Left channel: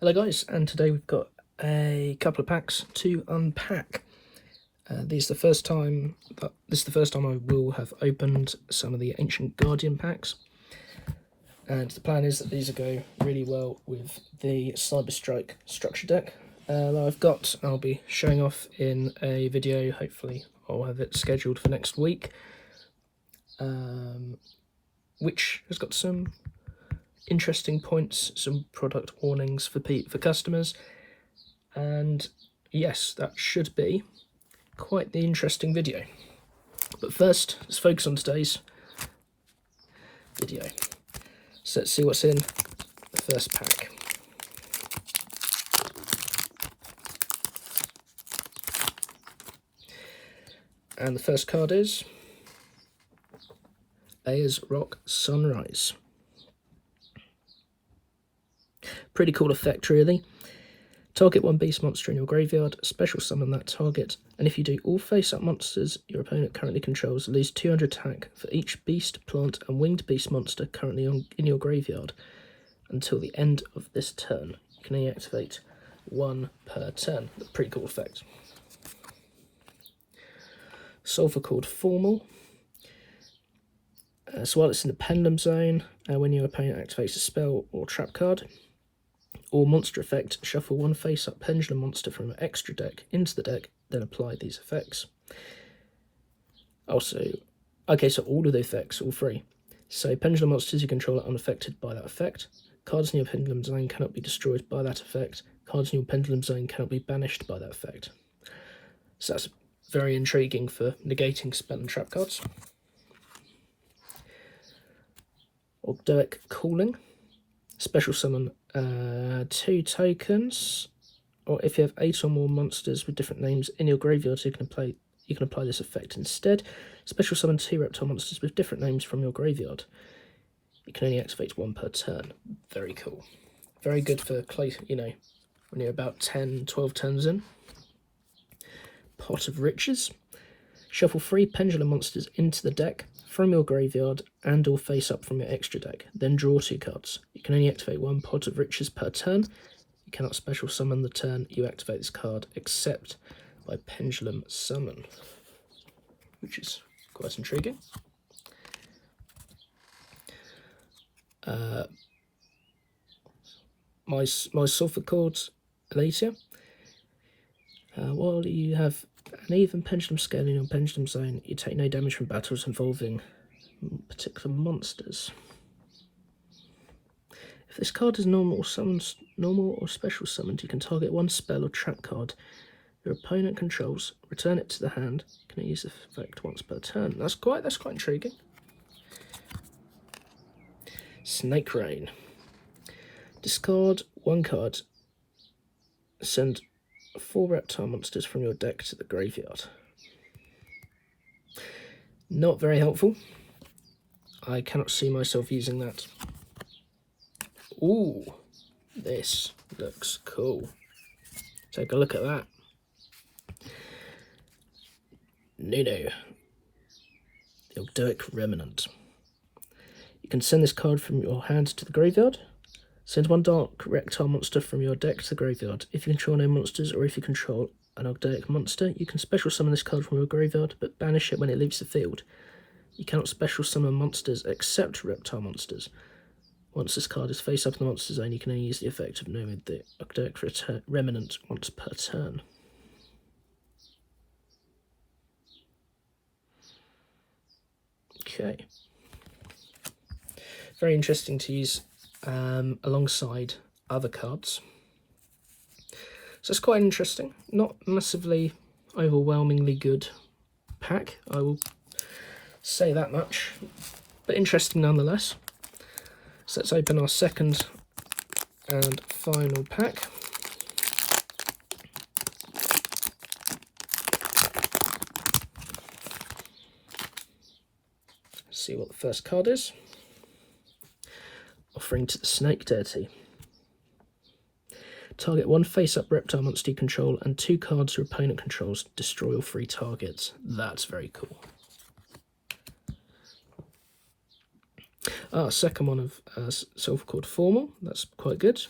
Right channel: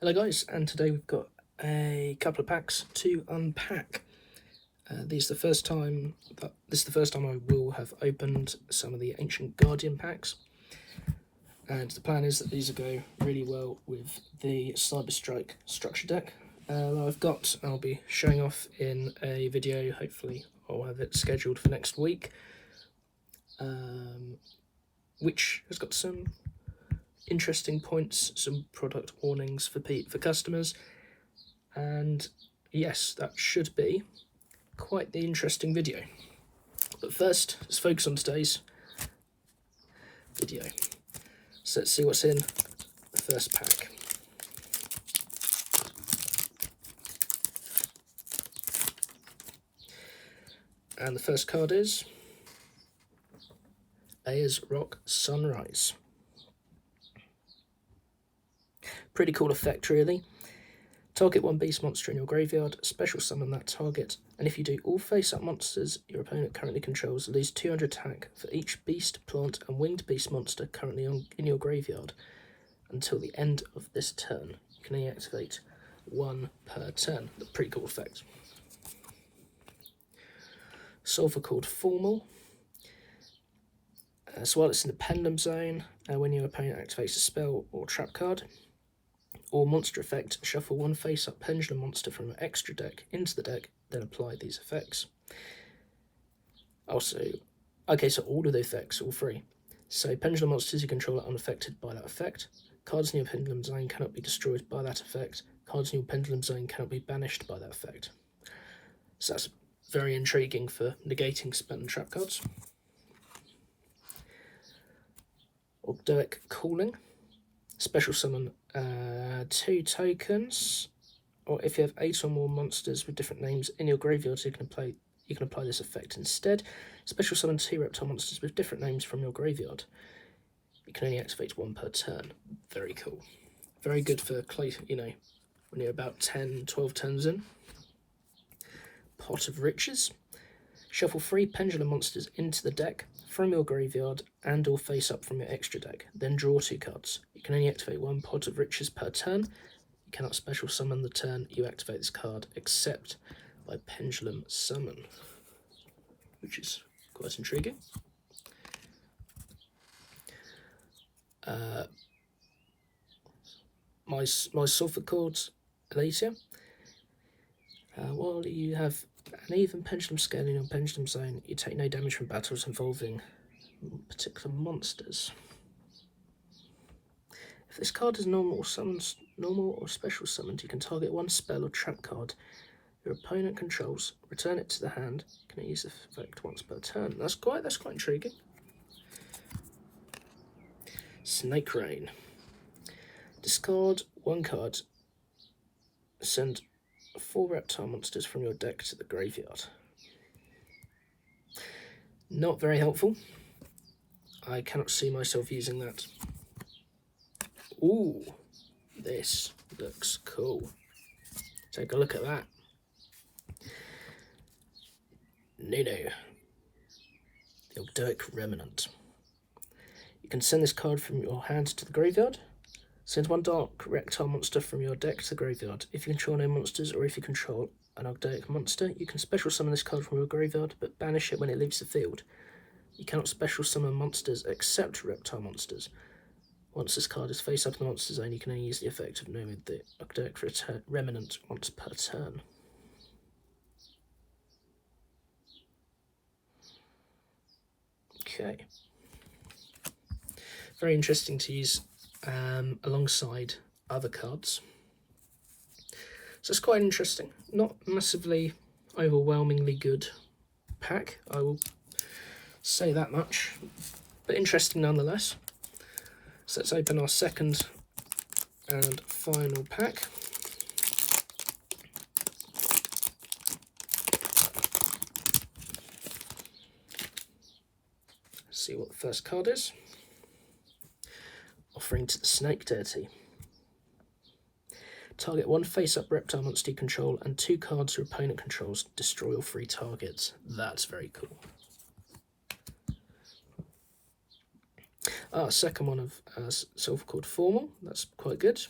Hello guys, and today we've got a couple of packs to unpack. This is the first time I will have opened some of the Ancient Guardian packs, and the plan is that these will go really well with the Cyberstrike structure deck that I'll be showing off in a video. Hopefully I'll have it scheduled for next week, which has got some interesting points, some product warnings for customers, and yes, that should be quite the interesting video. But first, let's focus on today's video. So let's see what's in the first pack. And the first card is Ayers Rock Sunrise. Pretty cool effect, really. Target one beast monster in your graveyard, special summon that target, and if you do, all face-up monsters your opponent currently controls lose 200 attack for each beast, plant, and winged beast monster currently in your graveyard until the end of this turn. You can only activate one per turn. Pretty cool effect. Sulphur Cord Formal. So while it's in the Pendulum Zone, when your opponent activates a spell or trap card, or monster effect, shuffle one face-up pendulum monster from your extra deck into the deck, then apply these effects. Also, okay, so all of the effects, all three. So pendulum monsters you control are unaffected by that effect. Cards in your pendulum zone cannot be destroyed by that effect. Cards in your pendulum zone cannot be banished by that effect. So that's very intriguing for negating spell and trap cards. Ogdoac Calling. Special summon 2 tokens, or if you have 8 or more monsters with different names in your graveyard, so you can apply this effect instead. Special summon 2 reptile monsters with different names from your graveyard. You can only activate one per turn. Very cool. Very good for when you're about 10, 12 turns in. Pot of Riches. Shuffle 3 pendulum monsters into the deck from your graveyard and or face up from your extra deck, then draw 2 cards. You can only activate one Pot of Riches per turn. You cannot special summon the turn you activate this card except by Pendulum Summon, which is quite intriguing. My Sulphur Cord Elatia. While you have an even pendulum scale in your pendulum zone, you take no damage from battles involving particular monsters. If this card is normal or special summoned, you can target one spell or trap card your opponent controls, return it to the hand. You can use the effect once per turn. That's quite intriguing. Snake Rain. Discard 1 card. Send 4 reptile monsters from your deck to the graveyard. Not very helpful. I cannot see myself using that. Ooh, this looks cool. Take a look at that. Nuno, the Ogdoac Remnant. You can send this card from your hand to the graveyard. Send 1 dark reptile monster from your deck to the graveyard. If you control no monsters, or if you control an Ogdoac monster, you can special summon this card from your graveyard, but banish it when it leaves the field. You cannot special summon monsters except reptile monsters. Once this card is face up in the monster zone, you can only use the effect of knowing the Ogdoac Remnant once per turn. Okay. Very interesting to use alongside other cards. So it's quite interesting. Not massively overwhelmingly good pack, I will say that much, but interesting nonetheless. So let's open our second and final pack. See what the first card is. Offering to the Snake Deity. Target 1 face-up reptile monster you control and 2 cards your opponent controls. Destroy all 3 targets. That's very cool. Second one of Sulphur Cord Formal. That's quite good.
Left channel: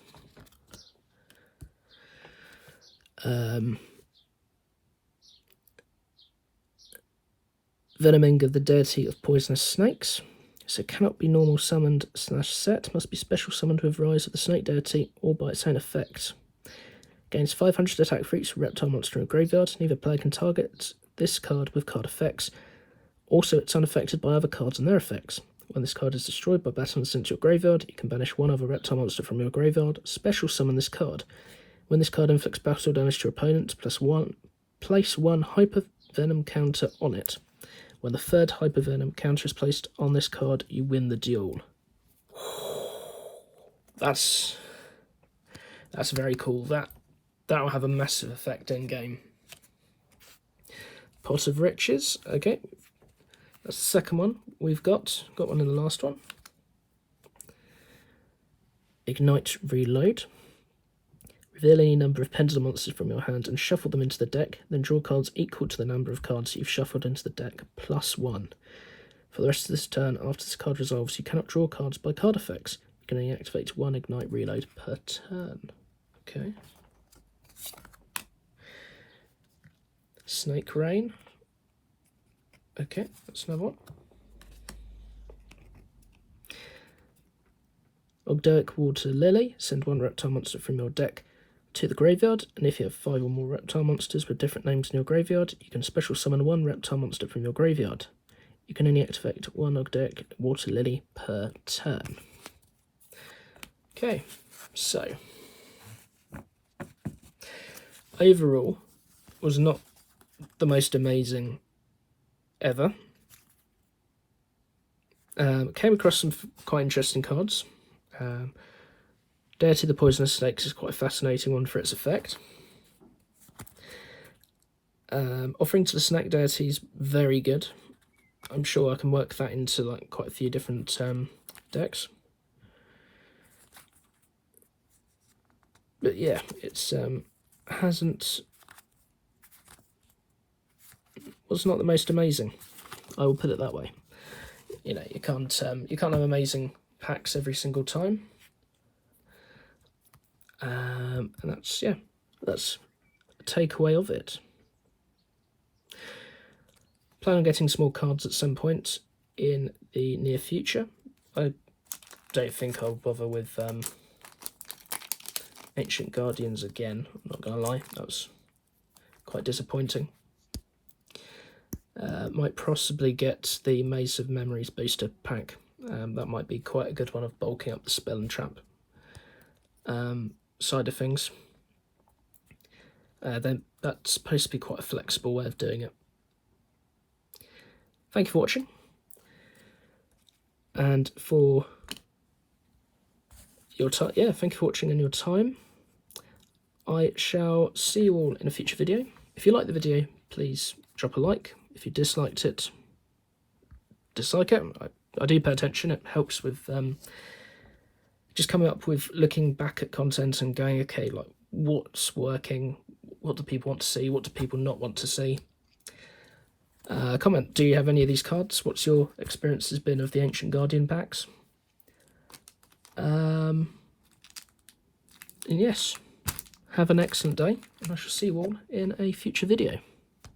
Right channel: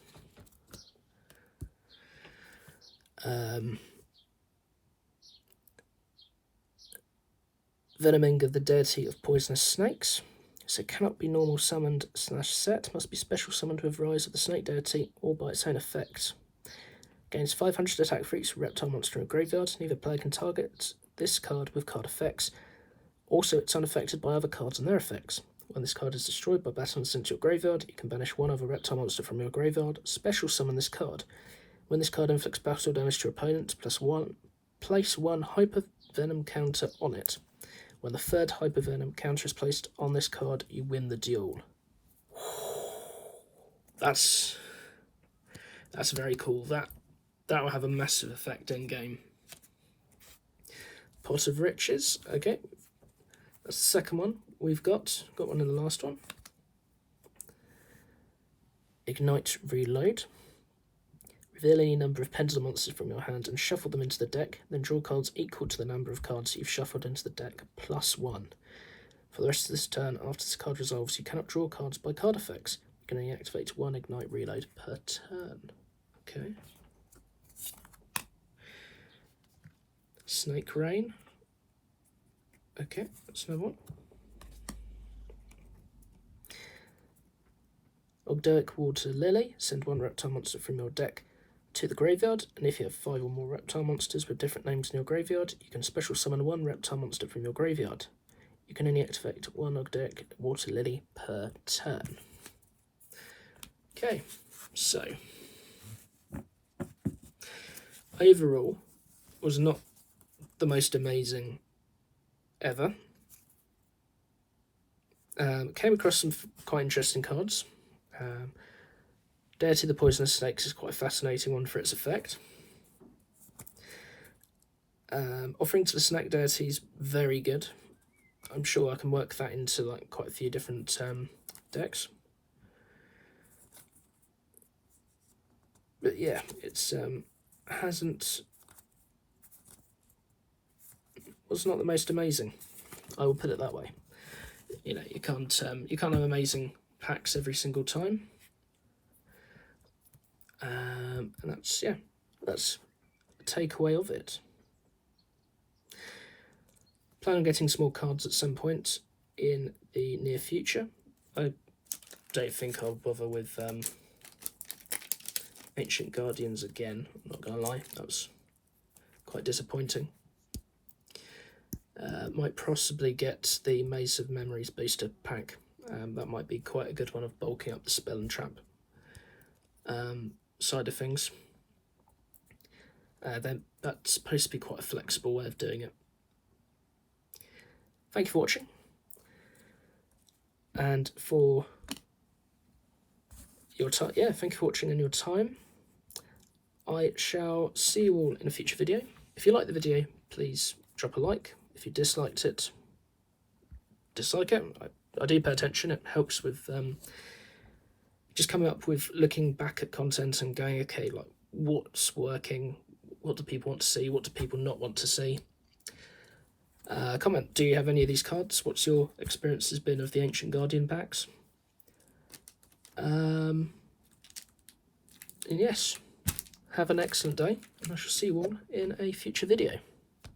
Venoming of the deity of poisonous snakes. So cannot be normal summoned / set, must be special summoned with Rise of the Snake Deity or by its own effect. Gains 500 attack for each reptile monster in graveyard. Neither player can target this card with card effects. Also, it's unaffected by other cards and their effects. When this card is destroyed by battle and sent to your graveyard, you can banish one other reptile monster from your graveyard. Special summon this card. When this card inflicts battle damage to your opponent, place one Hyper Venom counter on it. When the third Hyper Venom counter is placed on this card, you win the duel. That's very cool. That'll have a massive effect in game. Pot of Riches. Okay, that's the second one we've got. Got one in the last one. Ignite Reload. Reveal any number of Pendulum monsters from your hand and shuffle them into the deck, then draw cards equal to the number of cards you've shuffled into the deck, +1. For the rest of this turn, after this card resolves, you cannot draw cards by card effects. You can only activate one Ignite Reload per turn. Okay. Snake Rain. Okay, that's another one. Ogdoac Water Lily. Send one reptile monster from your deck to the graveyard, and if you have 5 or more reptile monsters with different names in your graveyard, you can special summon one reptile monster from your graveyard. You can only activate one Ogdoac Water Lily per turn. Okay, so overall was not the most amazing ever. Came across some quite interesting cards. Deity of the Poisonous Snakes is quite a fascinating one for its effect. Offering to the Snake Deity is very good. I'm sure I can work that into like quite a few different decks. But yeah, it's was not the most amazing. I will put it that way. You know, you can't have amazing packs every single time. And that's a takeaway of it. Plan on getting small cards at some point in the near future. I don't think I'll bother with Ancient Guardians again. I'm not going to lie, that was quite disappointing. Might possibly get the Maze of Memories booster pack. That might be quite a good one of bulking up the spell and trap side of things. That's supposed to be quite a flexible way of doing it. Thank you for watching, and for your time. Yeah, thank you for watching and your time. I shall see you all in a future video. If you liked the video, please drop a like. If you disliked it, dislike it. I do pay attention. It helps with just coming up with looking back at content and going, okay, like what's working, what do people want to see, what do people not want to see. Comment, do you have any of these cards? What's your experiences been of the Ancient Guardian packs? And yes, have an excellent day, and I shall see you all in a future video.